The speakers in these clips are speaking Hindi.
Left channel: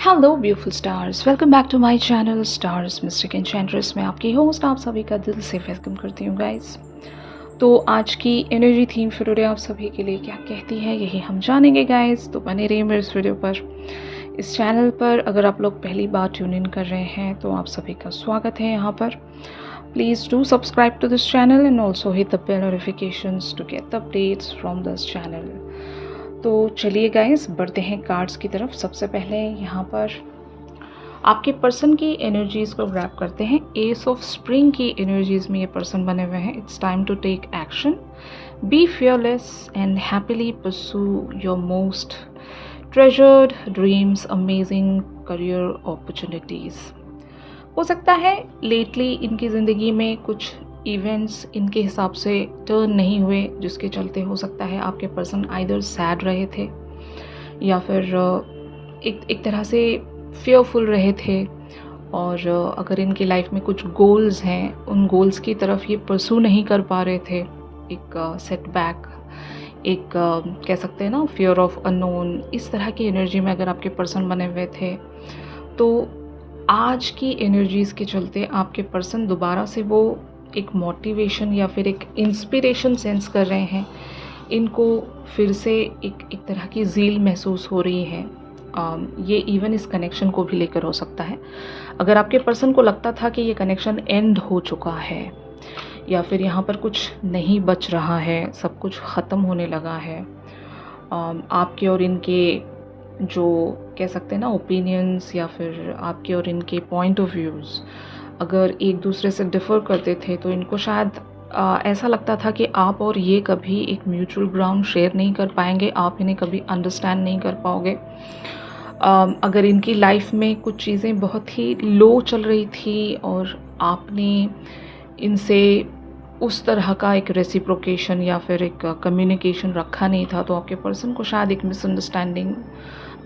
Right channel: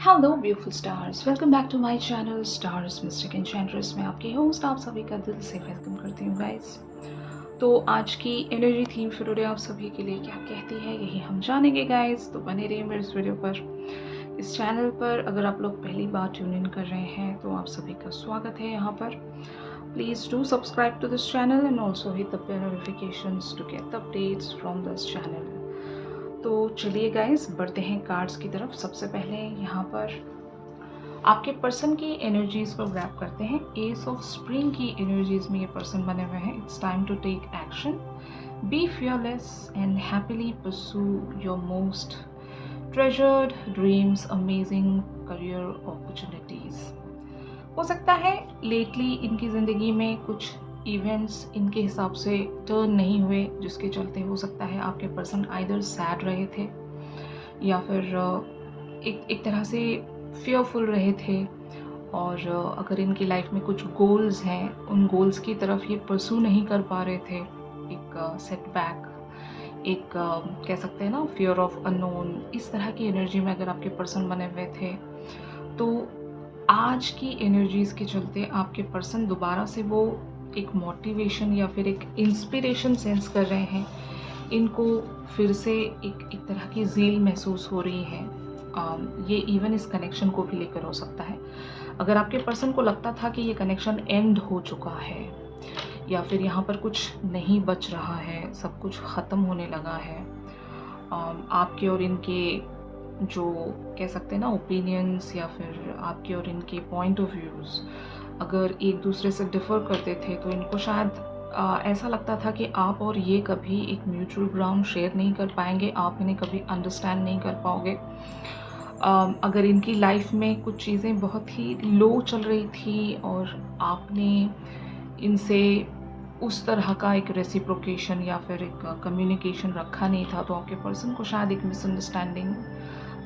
Hello beautiful stars, welcome back to my channel stars mystic enchantress में आपकी होस्ट आप सभी का दिल से वेलकम करती हूँ गाइस। तो आज की एनर्जी थीम फॉर टुडे आप सभी के लिए क्या कहती है यही हम जानेंगे गाइस। तो बने रहिए मेरे इस वीडियो पर। इस चैनल पर अगर आप लोग पहली बार ट्यून इन कर रहे हैं तो आप सभी का स्वागत है यहाँ पर। Please do subscribe to this channel and also hit the bell notifications to get the updates from this channel. तो चलिए गाइस बढ़ते हैं कार्ड्स की तरफ। सबसे पहले यहाँ पर आपके पर्सन की एनर्जीज़ को ग्रैब करते हैं। एस ऑफ स्प्रिंग की एनर्जीज़ में ये पर्सन बने हुए हैं। It's time to take action, be fearless and happily pursue your most treasured dreams, amazing career opportunities. हो सकता है लेटली इनकी ज़िंदगी में कुछ इवेंट्स इनके हिसाब से टर्न नहीं हुए, जिसके चलते हो सकता है आपके पर्सन आइदर सैड रहे थे या फिर एक तरह से फियरफुल रहे थे। और अगर इनकी लाइफ में कुछ गोल्स हैं, उन गोल्स की तरफ ये परसू नहीं कर पा रहे थे। एक सेटबैक, एक कह सकते हैं ना फियर ऑफ अननोन, इस तरह की एनर्जी में अगर आपके पर्सन बने हुए थे तो आज की एनर्जीज़ के चलते आपके पर्सन दोबारा से वो एक मोटिवेशन या फिर एक इंस्पिरेशन सेंस कर रहे हैं। इनको फिर से एक तरह की ज़ील महसूस हो रही है। ये इवन इस कनेक्शन को भी लेकर हो सकता है। अगर आपके पर्सन को लगता था कि ये कनेक्शन एंड हो चुका है या फिर यहाँ पर कुछ नहीं बच रहा है, सब कुछ ख़त्म होने लगा है, आपके और इनके जो कह सकते हैं ना ओपिनियंस या फिर आपके और इनके पॉइंट ऑफ व्यूज़ अगर एक दूसरे से डिफ़र करते थे तो इनको शायद ऐसा लगता था कि आप और ये कभी एक म्यूचुअल ग्राउंड शेयर नहीं कर पाएंगे, आप इन्हें कभी अंडरस्टैंड नहीं कर पाओगे। अगर इनकी लाइफ में कुछ चीज़ें बहुत ही लो चल रही थी और आपने इनसे उस तरह का एक रेसिप्रोकेशन या फिर एक कम्युनिकेशन रखा नहीं था, तो आपके पर्सन को शायद एक मिसअंडरस्टैंडिंग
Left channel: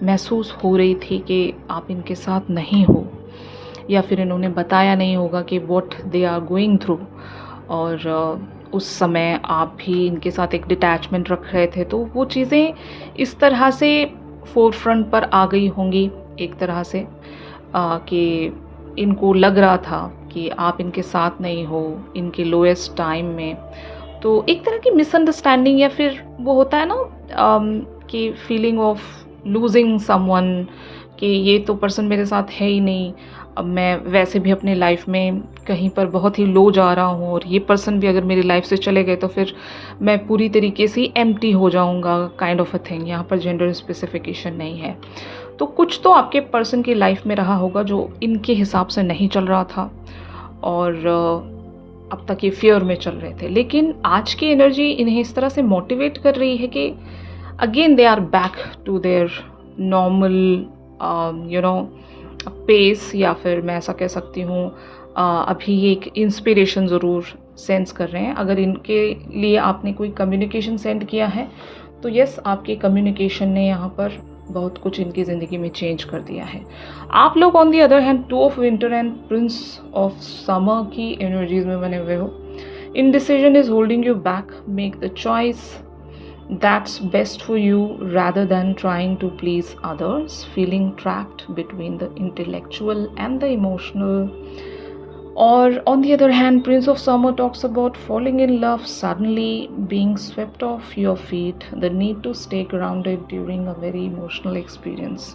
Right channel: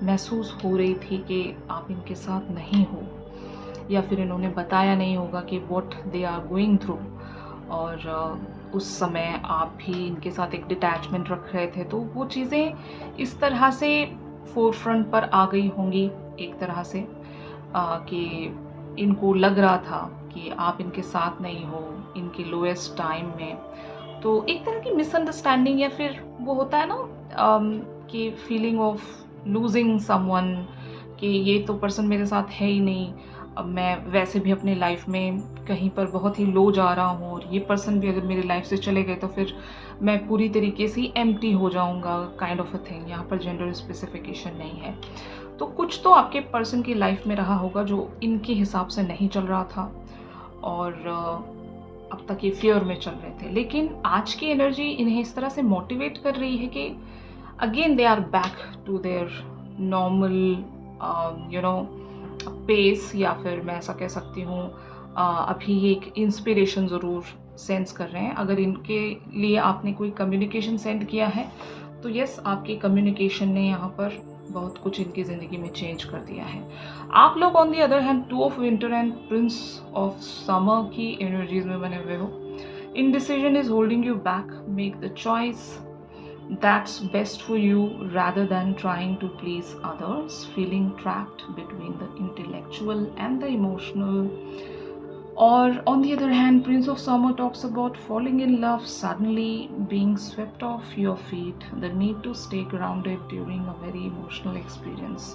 महसूस हो रही थी कि आप इनके साथ नहीं हो, या फिर इन्होंने बताया नहीं होगा कि what they are going through. और उस समय आप भी इनके साथ एक डिटैचमेंट रख रहे थे, तो वो चीज़ें इस तरह से फोर फ्रंट पर आ गई होंगी एक तरह से कि इनको लग रहा था कि आप इनके साथ नहीं हो इनके लोएस्ट टाइम में। तो एक तरह की मिसअंडरस्टैंडिंग या फिर वो होता है ना कि फीलिंग ऑफ लूजिंग समवन, कि ये तो पर्सन मेरे साथ है ही नहीं, अब मैं वैसे भी अपनी लाइफ में कहीं पर बहुत ही लो जा रहा हूँ और ये पर्सन भी अगर मेरी लाइफ से चले गए तो फिर मैं पूरी तरीके से एम्प्टी हो जाऊँगा, काइंड ऑफ अ थिंग। यहाँ पर जेंडर स्पेसिफिकेशन नहीं है। तो कुछ तो आपके पर्सन की लाइफ में रहा होगा जो इनके हिसाब से नहीं चल रहा था और अब तक ये फियर में चल रहे थे। लेकिन आज की एनर्जी इन्हें इस तरह से मोटिवेट कर रही है कि again they are back to their normal pace, या फिर मैं ऐसा कह सकती हूँ अभी ये एक इंस्पिरेशन ज़रूर सेंस कर रहे हैं। अगर इनके लिए आपने कोई कम्युनिकेशन सेंड किया है तो यस, आपके कम्युनिकेशन ने यहाँ पर बहुत कुछ इनकी ज़िंदगी में चेंज कर दिया है। आप लोग on the other hand two of winter and Prince of summer की एनर्जीज में बने हुए हो। Indecision is holding you back, make the choice that's best for you rather than trying to please others, feeling trapped between the intellectual and the emotional. Or on the other hand, Prince of Summer talks about falling in love suddenly, being swept off your feet, the need to stay grounded during a very emotional experience.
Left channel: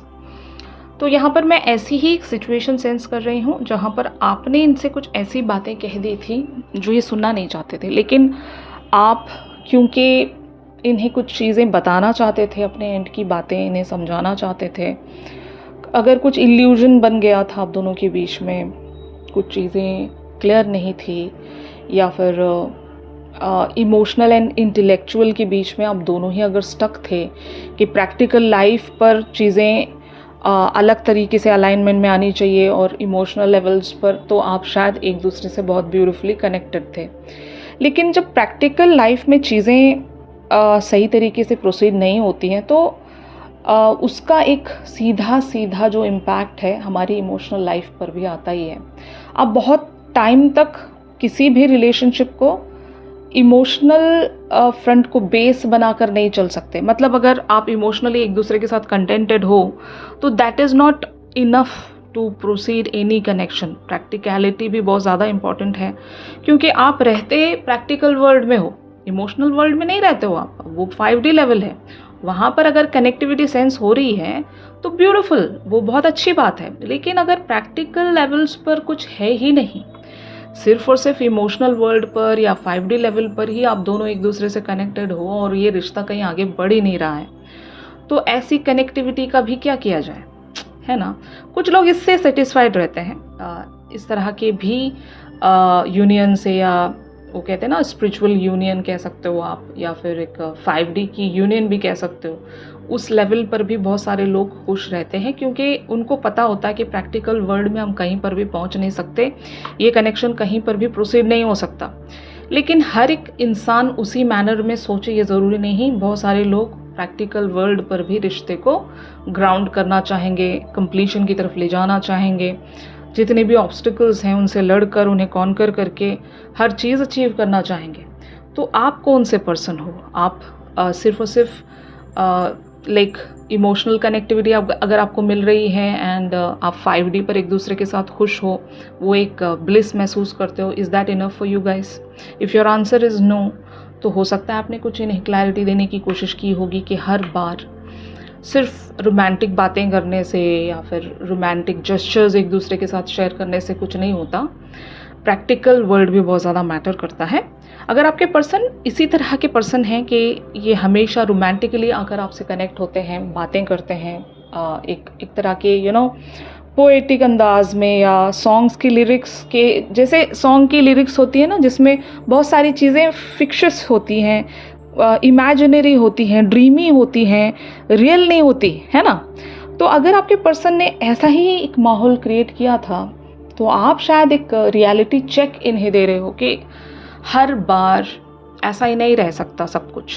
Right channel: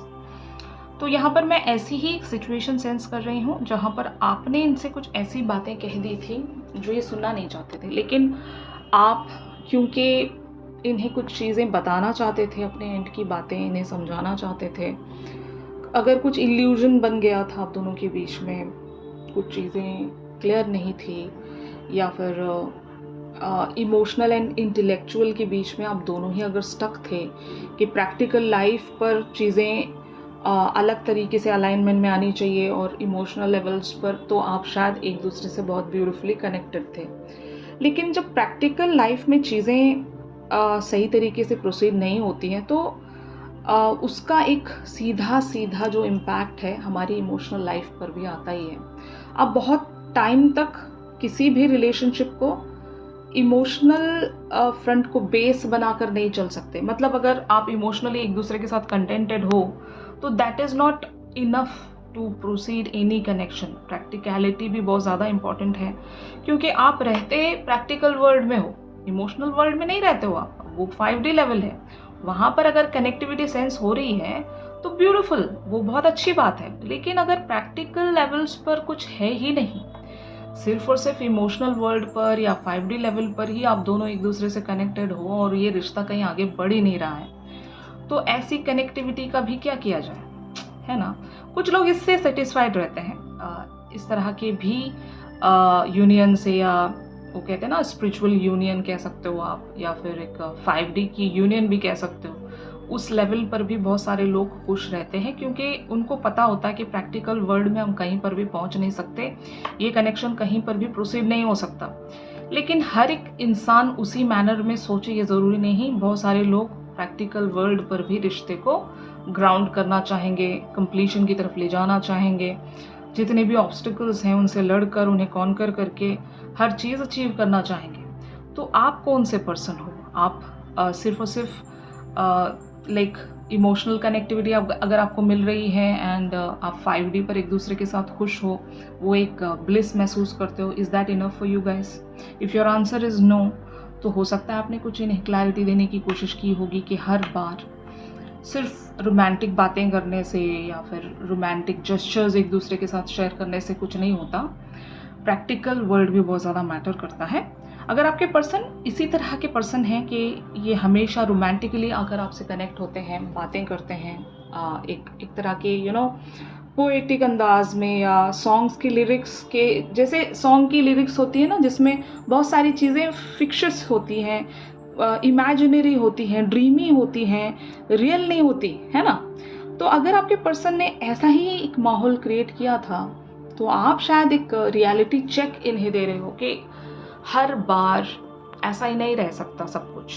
तो यहाँ पर मैं ऐसी ही एक सिचुएशन सेंस कर रही हूँ जहाँ पर आपने इनसे कुछ ऐसी बातें कह दी थी जो ये सुनना नहीं चाहते थे, लेकिन आप क्योंकि इन्हें कुछ चीज़ें बताना चाहते थे, अपने एंड की बातें इन्हें समझाना चाहते थे, अगर कुछ इल्यूजन बन गया था आप दोनों के बीच में, कुछ चीज़ें क्लियर नहीं थी, या फिर इमोशनल एंड इंटेलेक्चुअल के बीच में आप दोनों ही अगर स्टक थे कि प्रैक्टिकल लाइफ पर चीज़ें अलग तरीके से अलाइनमेंट में आनी चाहिए और इमोशनल लेवल्स पर तो आप शायद एक दूसरे से बहुत ब्यूटीफुली कनेक्टेड थे। लेकिन जब प्रैक्टिकल लाइफ में चीज़ें सही तरीके से प्रोसीड नहीं होती हैं तो उसका एक सीधा जो इम्पैक्ट है हमारी इमोशनल लाइफ पर भी आता ही है। आप बहुत टाइम तक किसी भी रिलेशनशिप को इमोशनल फ्रंट को बेस बनाकर नहीं चल सकते। मतलब अगर आप इमोशनली एक दूसरे के साथ कंटेंटेड हो तो that is not enough to proceed any connection. Practicality भी बहुत ज़्यादा इम्पॉर्टेंट है, क्योंकि आप रहते प्रैक्टिकल वर्ल्ड में हो, इमोशनल वर्ल्ड में नहीं रहते हो आप। वो 5D लेवल है, वहाँ पर अगर कनेक्टिविटी सेंस हो रही है तो ब्यूटीफुल, वो बहुत अच्छी बात है। लेकिन अगर प्रैक्टिकल लेवल्स पर कुछ है ही नहीं, सिर्फ और सिर्फ इमोशनल वर्ल्ड पर या 5D लेवल पर ही आप दोनों एक दूसरे से कनेक्टेड हो और ये रिश्ता कहीं आगे बढ़ ही नहीं रहा है, तो ऐसी कनेक्टिविटी का भी क्या किया जाए, है ना। कुछ लोग इससे सेटिस्फाइड रहते हैं, इस तरह के भी यूनियन से, या वो कहते हैं ना स्पिरिचुअल यूनियन कह सकते हो आप, या फिर एक 5D की यूनियन भी कह सकते हो। उस लेवल पर भी बहुत सारे लोग खुश रहते हैं, क्योंकि उनको पता होता है कि प्रैक्टिकल वर्ल्ड में हम कहीं पर भी पहुंच नहीं सकते, ये कनेक्शन कहीं पर भी प्रोसीड नहीं हो सकता। लेकिन हर एक इंसान उसी मैनर में सोचे ये ज़रूरी नहीं। बहुत सारे लोग प्रैक्टिकल वर्ल्ड पर भी रिश्ते को ग्राउंड करना चाहेंगे, कंप्लीशन की तरफ ले जाना चाहेंगे, जितने भी ऑब्स्टिकल्स हैं उनसे लड़कर उन्हें कॉन्कर करके हर चीज़ अचीव करना चाहेंगे। तो आप कौन से पर्सन हो? आप सिर्फ और सिर्फ लाइक इमोशनल कनेक्टिविटी अगर आपको मिल रही है एंड आप 5D पर एक दूसरे के साथ खुश हो, वो एक ब्लिस महसूस करते हो, is that enough for you guys? If your answer is no, तो हो सकता है आपने कुछ इन्हें क्लैरिटी देने की कोशिश की होगी कि हर बार सिर्फ रोमांटिक बातें करने से या फिर रोमांटिक जेस्चर्स एक दूसरे के साथ शेयर करने से कुछ नहीं होता। प्रैक्टिकल वर्ल्ड भी बहुत ज़्यादा मैटर करता है। अगर आपके पर्सन इसी तरह के पर्सन हैं कि ये हमेशा रोमांटिकली आकर आपसे कनेक्ट होते हैं, बातें करते हैं, एक तरह के पोएटिक अंदाज में, या सॉन्ग्स की लिरिक्स के जैसे सॉन्ग की लिरिक्स होती है ना, जिसमें बहुत सारी चीज़ें फिक्शस होती हैं, इमेजिनरी होती हैं, ड्रीमी होती हैं, रियल नहीं होती, है ना। तो अगर आपके पर्सन ने ऐसा ही एक माहौल क्रिएट किया था, तो आप शायद एक रियलिटी चेक इन्हें दे रहे हो कि हर बार ऐसा ही नहीं रह सकता सब कुछ,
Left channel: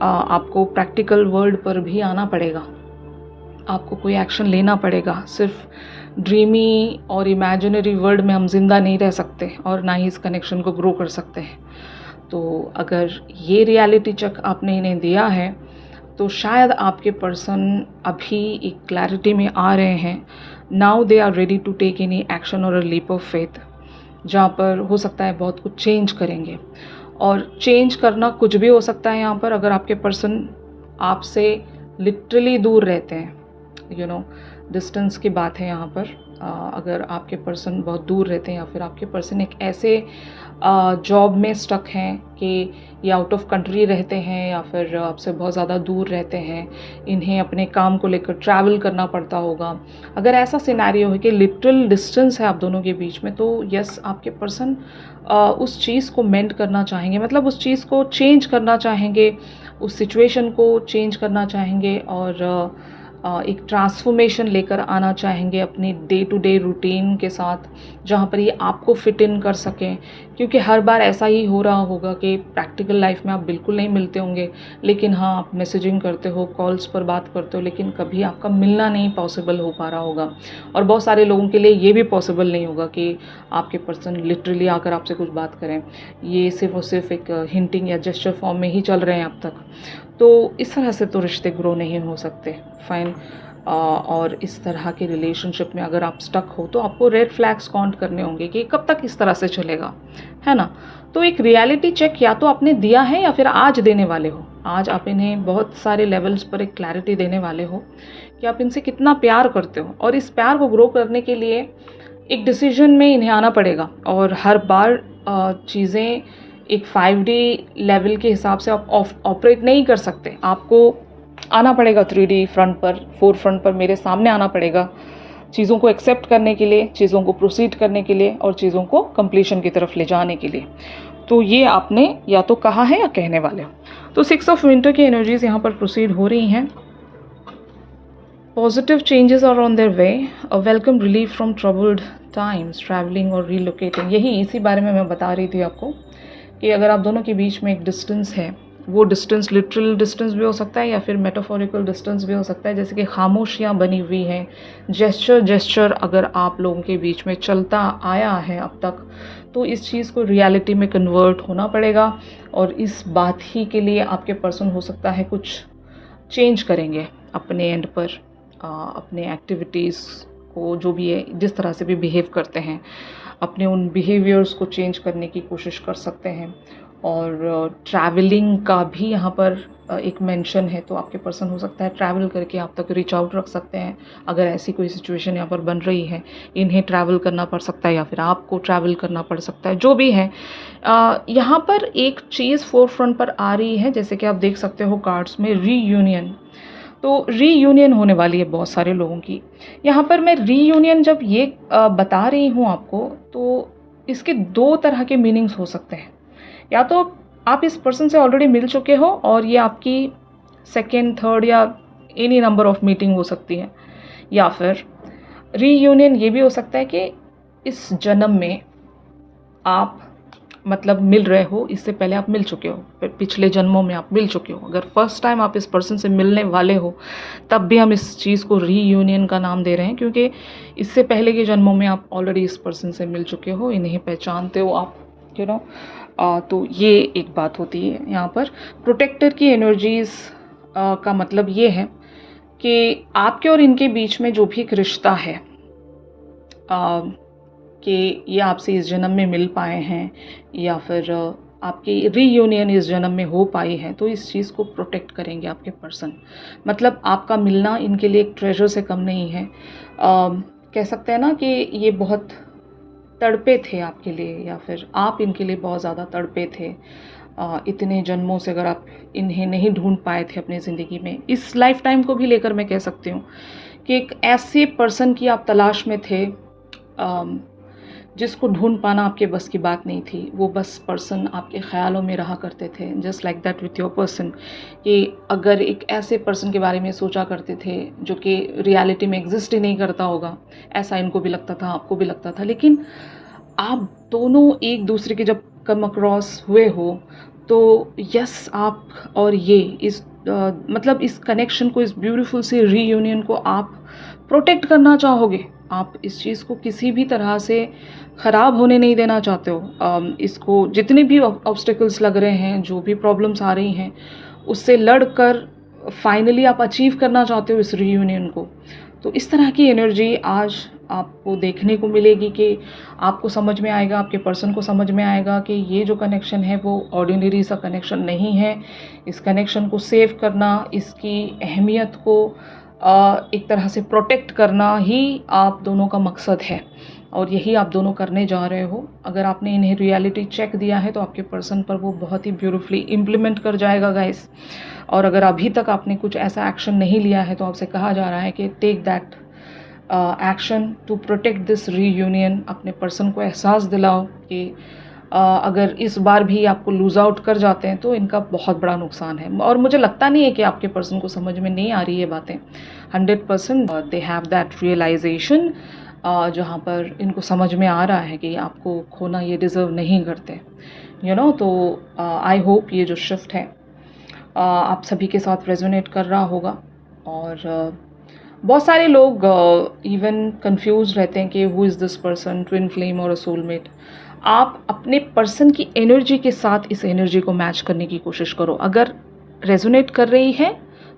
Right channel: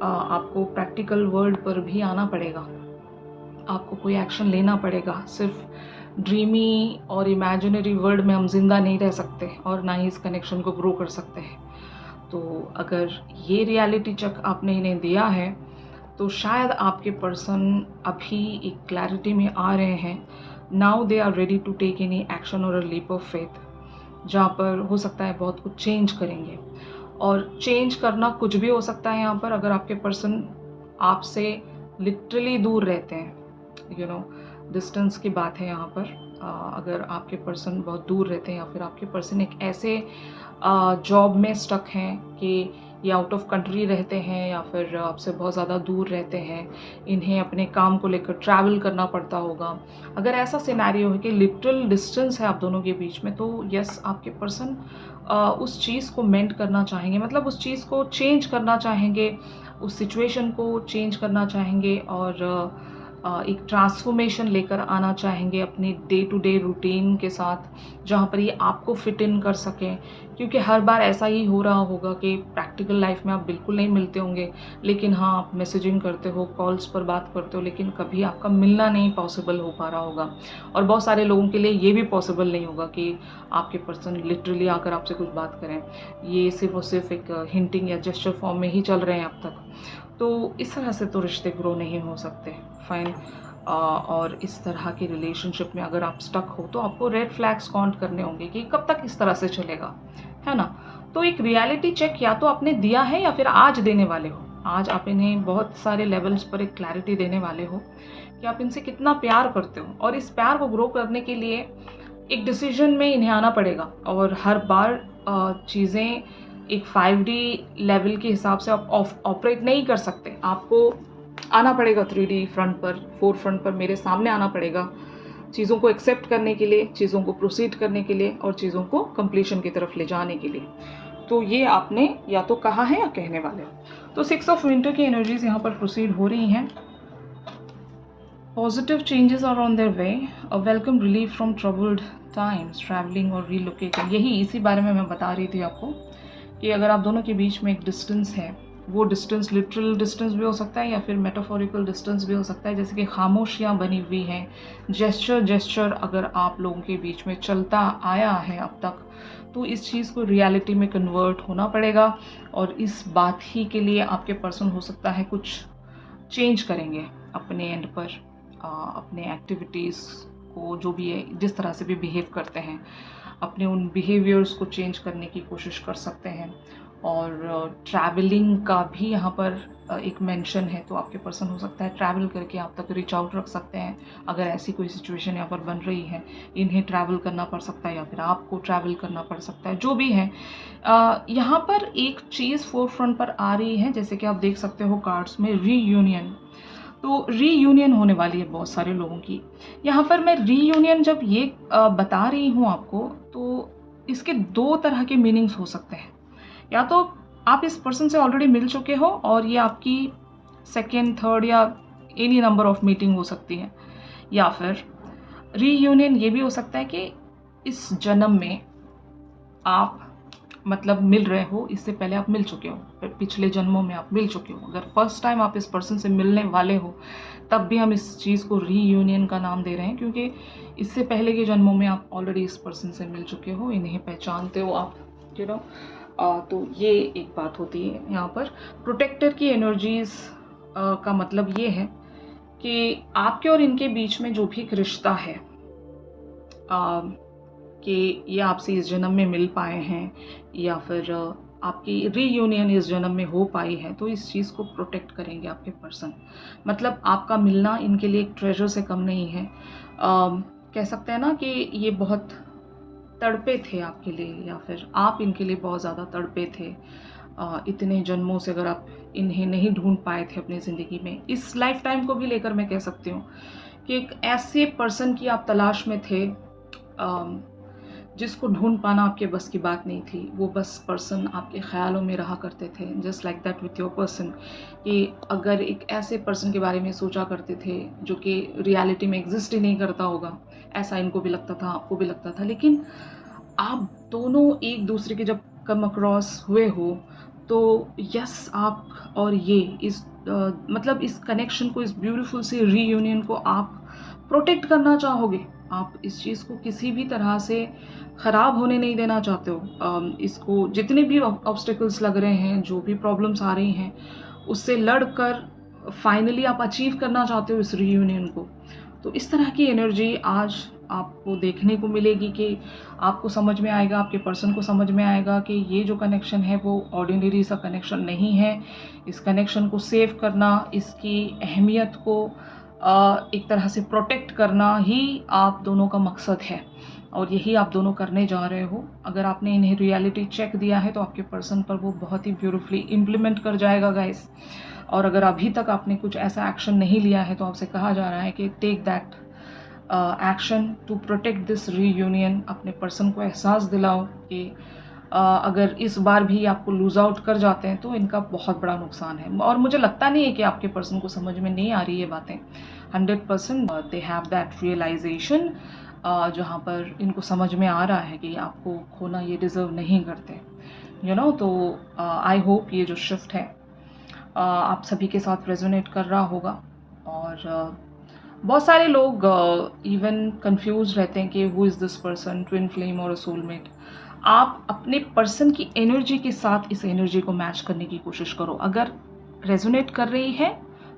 आपको प्रैक्टिकल वर्ल्ड पर भी आना पड़ेगा, आपको कोई एक्शन लेना पड़ेगा। सिर्फ ड्रीमी और इमेजिनरी वर्ल्ड में हम जिंदा नहीं रह सकते और ना ही इस कनेक्शन को ग्रो कर सकते हैं। तो अगर ये रियलिटी चेक आपने इन्हें दिया है, तो शायद आपके पर्सन अभी एक क्लैरिटी में आ रहे हैं। Now they are ready to take any action और अ लीप ऑफ फेथ, जहाँ पर हो सकता है बहुत कुछ चेंज करेंगे। और चेंज करना कुछ भी हो सकता है यहाँ पर। अगर आपके पर्सन आपसे लिटरली दूर रहते हैं, डिस्टेंस की बात है यहाँ पर, अगर आपके पर्सन बहुत दूर रहते हैं, या फिर आपके पर्सन एक ऐसे जॉब में स्टक हैं कि ये आउट ऑफ कंट्री रहते हैं, या फिर आपसे बहुत ज़्यादा दूर रहते हैं, इन्हें अपने काम को लेकर ट्रैवल करना पड़ता होगा। अगर ऐसा सिनेरियो है कि लिटरल डिस्टेंस है आप दोनों के बीच में, तो यस, आपके पर्सन उस चीज़ को मेंड करना चाहेंगे, मतलब उस चीज़ को चेंज करना चाहेंगे, उस सिचुएशन को चेंज करना चाहेंगे, और एक ट्रांसफॉर्मेशन लेकर आना चाहेंगे अपनी डे टू डे रूटीन के साथ, जहाँ पर ये आपको फिट इन कर सकें। क्योंकि हर बार ऐसा ही हो रहा होगा कि प्रैक्टिकल लाइफ में आप बिल्कुल नहीं मिलते होंगे, लेकिन हाँ, आप मैसेजिंग करते हो, कॉल्स पर बात करते हो, लेकिन कभी आपका मिलना नहीं पॉसिबल हो पा रहा होगा। और बहुत सारे लोगों के लिए ये भी पॉसिबल नहीं होगा कि आपके पर्सन लिटरली आकर आपसे कुछ बात करें। ये सिर्फ और सिर्फ एक हिंटिंग या जेस्चर फॉर्म में ही चल रहे हैं अब तक। तो इस तरह से तो रिश्ते ग्रो नहीं हो सकते। फाइन। और इस तरह के रिलेशनशिप में अगर आप स्टक हो, तो आपको रेड फ्लैग्स काउंट करने होंगे कि कब तक इस तरह से चलेगा, है ना। तो एक रियलिटी चेक या तो आपने दिया है या फिर आज देने वाले हो। आज आप इन्हें बहुत सारे लेवल्स पर एक क्लैरिटी देने वाले हो कि आप इनसे कितना प्यार करते हो, और इस प्यार को ग्रो करने के लिए एक डिसीजन में इन्हें आना पड़ेगा। और हर बार चीज़ें एक 5D लेवल के हिसाब से आप ऑपरेट नहीं कर सकते। आपको आना पड़ेगा 3D फ्रंट पर, 4 फ्रंट पर मेरे सामने आना पड़ेगा, चीज़ों को एक्सेप्ट करने के लिए, चीज़ों को प्रोसीड करने के लिए, और चीज़ों को कंप्लीशन की तरफ ले जाने के लिए। तो ये आपने या तो कहा है या कहने वाले हो। तो 6 ऑफ विंटर की एनर्जीज यहाँ पर प्रोसीड हो रही हैं। Positive changes are on their way, a welcome relief from troubled times, travelling और रीलोकेटिंग। यही इसी बारे में मैं बता रही थी आपको कि अगर आप दोनों के बीच में एक डिस्टेंस है, वो डिस्टेंस लिटरल डिस्टेंस भी हो सकता है या फिर मेटाफोरिकल डिस्टेंस भी हो सकता है, जैसे कि खामोशियाँ बनी हुई हैं, जेस्चर अगर आप लोगों के बीच में चलता आया है अब तक, तो इस चीज़ को रियलिटी में कन्वर्ट होना पड़ेगा। और इस बात ही के लिए आपके पर्सन हो सकता है कुछ चेंज करेंगे अपने एंड पर, अपने एक्टिविटीज़ को जो भी है जिस तरह से भी बिहेव करते हैं, अपने उन बिहेवियर्स को चेंज करने की कोशिश कर सकते हैं। और ट्रैवलिंग का भी यहाँ पर एक मेंशन है, तो आपके पर्सन हो सकता है ट्रैवल करके आप तक रीच आउट रख सकते हैं। अगर ऐसी कोई सिचुएशन यहाँ पर बन रही है, इन्हें ट्रैवल करना पड़ सकता है या फिर आपको ट्रैवल करना पड़ सकता है, जो भी है। यहाँ पर एक चीज़ फोर फ्रंट पर आ रही है, जैसे कि आप देख सकते हो कार्ड्स में रीयूनियन। तो रीयूनियन होने वाली है बहुत सारे लोगों की। यहाँ पर मैं रीयूनियन जब ये बता रही हूँ आपको, तो इसके दो तरह के मीनिंग्स हो सकते हैं। या तो आप इस पर्सन से ऑलरेडी मिल चुके हो और ये आपकी सेकेंड, थर्ड या एनी नंबर ऑफ मीटिंग हो सकती है, या फिर रीयूनियन ये भी हो सकता है कि इस जन्म में आप मतलब मिल रहे हो, इससे पहले आप मिल चुके हो, पिछले जन्मों में आप मिल चुके हो। अगर फर्स्ट टाइम आप इस पर्सन से मिलने वाले हो, तब भी हम इस चीज़ को रीयूनियन का नाम दे रहे हैं, क्योंकि इससे पहले के जन्मों में आप ऑलरेडी इस पर्सन से मिल चुके हो, इन्हें पहचानते हो आप, यू नो। तो ये एक बात होती है। यहाँ पर प्रोटेक्टर की एनर्जीज़ का मतलब ये है कि आपके और इनके बीच में जो भी एक रिश्ता है, कि ये आपसे इस जन्म में मिल पाए हैं या फिर आपकी रीयूनियन इस जन्म में हो पाई है, तो इस चीज़ को प्रोटेक्ट करेंगे आपके पर्सन। मतलब आपका मिलना इनके लिए एक ट्रेजर से कम नहीं है। कह सकते हैं ना कि ये बहुत तड़पे थे आपके लिए, या फिर आप इनके लिए बहुत ज़्यादा तड़पे थे। इतने जन्मों से अगर आप इन्हें नहीं ढूंढ पाए थे अपनी ज़िंदगी में, इस लाइफ टाइम को भी लेकर मैं कह सकती हूँ कि एक ऐसे पर्सन की आप तलाश में थे जिसको ढूंढ पाना आपके बस की बात नहीं थी। वो बस पर्सन आपके ख्यालों में रहा करते थे, just like that with your person. कि अगर एक ऐसे पर्सन के बारे में सोचा करते थे जो कि रियलिटी में एग्जिस्ट ही नहीं करता होगा, ऐसा इनको भी लगता था, आपको भी लगता था। लेकिन आप दोनों एक दूसरे के जब कम अक्रॉस हुए हो, तो यस, आप और ये इस मतलब इस कनेक्शन को, इस ब्यूटीफुल सी रीयूनियन को आप प्रोटेक्ट करना चाहोगे। आप इस चीज़ को किसी भी तरह से ख़राब होने नहीं देना चाहते हो। इसको जितने भी ऑब्स्टिकल्स लग रहे हैं, जो भी प्रॉब्लम्स आ रही हैं, उससे लड़कर फाइनली आप अचीव करना चाहते हो इस रीयूनियन को। तो इस तरह की एनर्जी आज आपको देखने को मिलेगी कि आपको समझ में आएगा, आपके पर्सन को समझ में आएगा कि ये जो कनेक्शन है वो ऑर्डिनरी सा कनेक्शन नहीं है। इस कनेक्शन को सेव करना, इसकी अहमियत को एक तरह से प्रोटेक्ट करना ही आप दोनों का मकसद है, और यही आप दोनों करने जा रहे हो। अगर आपने इन्हें रियलिटी चेक दिया है, तो आपके पर्सन पर वो बहुत ही ब्यूटीफुली इम्प्लीमेंट कर जाएगा गाइस। और अगर अभी तक आपने कुछ ऐसा एक्शन नहीं लिया है, तो आपसे कहा जा रहा है कि take that action to protect this reunion. अपने पर्सन को एहसास दिलाओ कि अगर इस बार भी आपको लूज़ आउट कर जाते हैं, तो इनका बहुत बड़ा नुकसान है। और मुझे लगता नहीं है कि आपके पर्सन को समझ में नहीं आ रही है बातें। 100% दे हैव दैट रियलाइजेशन, जहाँ पर इनको समझ में आ रहा है कि आपको खोना ये डिज़र्व नहीं करते, यू नो। तो आई होप ये जो शिफ्ट है आप सभी के साथ रेजोनेट कर रहा होगा। और बहुत सारे लोग इवन कंफ्यूज रहते हैं कि who is this person, twin flame और अ सोलमेट। आप अपने पर्सन की एनर्जी के साथ इस एनर्जी को मैच करने की कोशिश करो। अगर रेजोनेट कर रही है,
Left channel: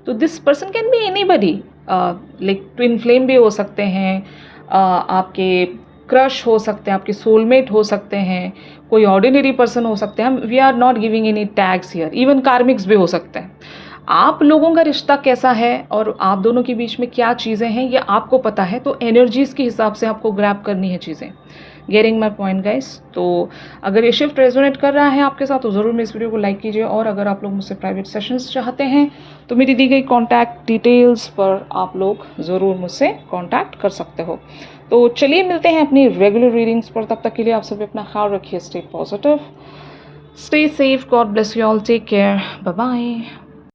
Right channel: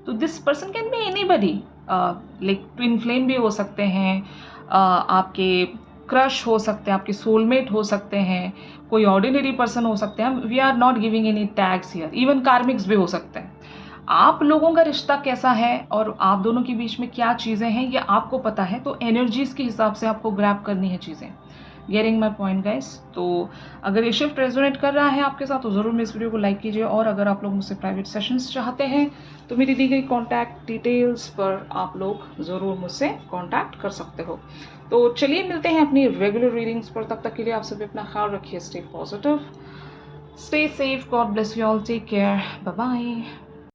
तो this person can be anybody, like twin flame भी हो सकते हैं, आपके क्रश हो सकते हैं, आपके सोलमेट हो सकते हैं, कोई ऑर्डिनरी पर्सन हो सकते हैं। We are not giving any tags here, even karmics भी हो सकते हैं। आप लोगों का रिश्ता कैसा है और आप दोनों के बीच में क्या चीज़ें हैं, ये आपको पता है। तो एनर्जीज़ के हिसाब से आपको ग्रैब करनी है चीज़ें। Getting my point guys. तो अगर ये शिफ्ट रेजोनेट कर रहा है आपके साथ, तो ज़रूर मेरे इस वीडियो को लाइक कीजिए। और अगर आप लोग मुझसे प्राइवेट सेशंस चाहते हैं, तो मेरी दी गई कॉन्टैक्ट डिटेल्स पर आप लोग ज़रूर मुझसे कॉन्टैक्ट कर सकते हो। तो चलिए मिलते हैं अपनी रेगुलर रीडिंग्स पर। तब तक के लिए आप सभी अपना ख्याल रखिए। Stay positive, stay safe, God bless you all, take care, bye bye.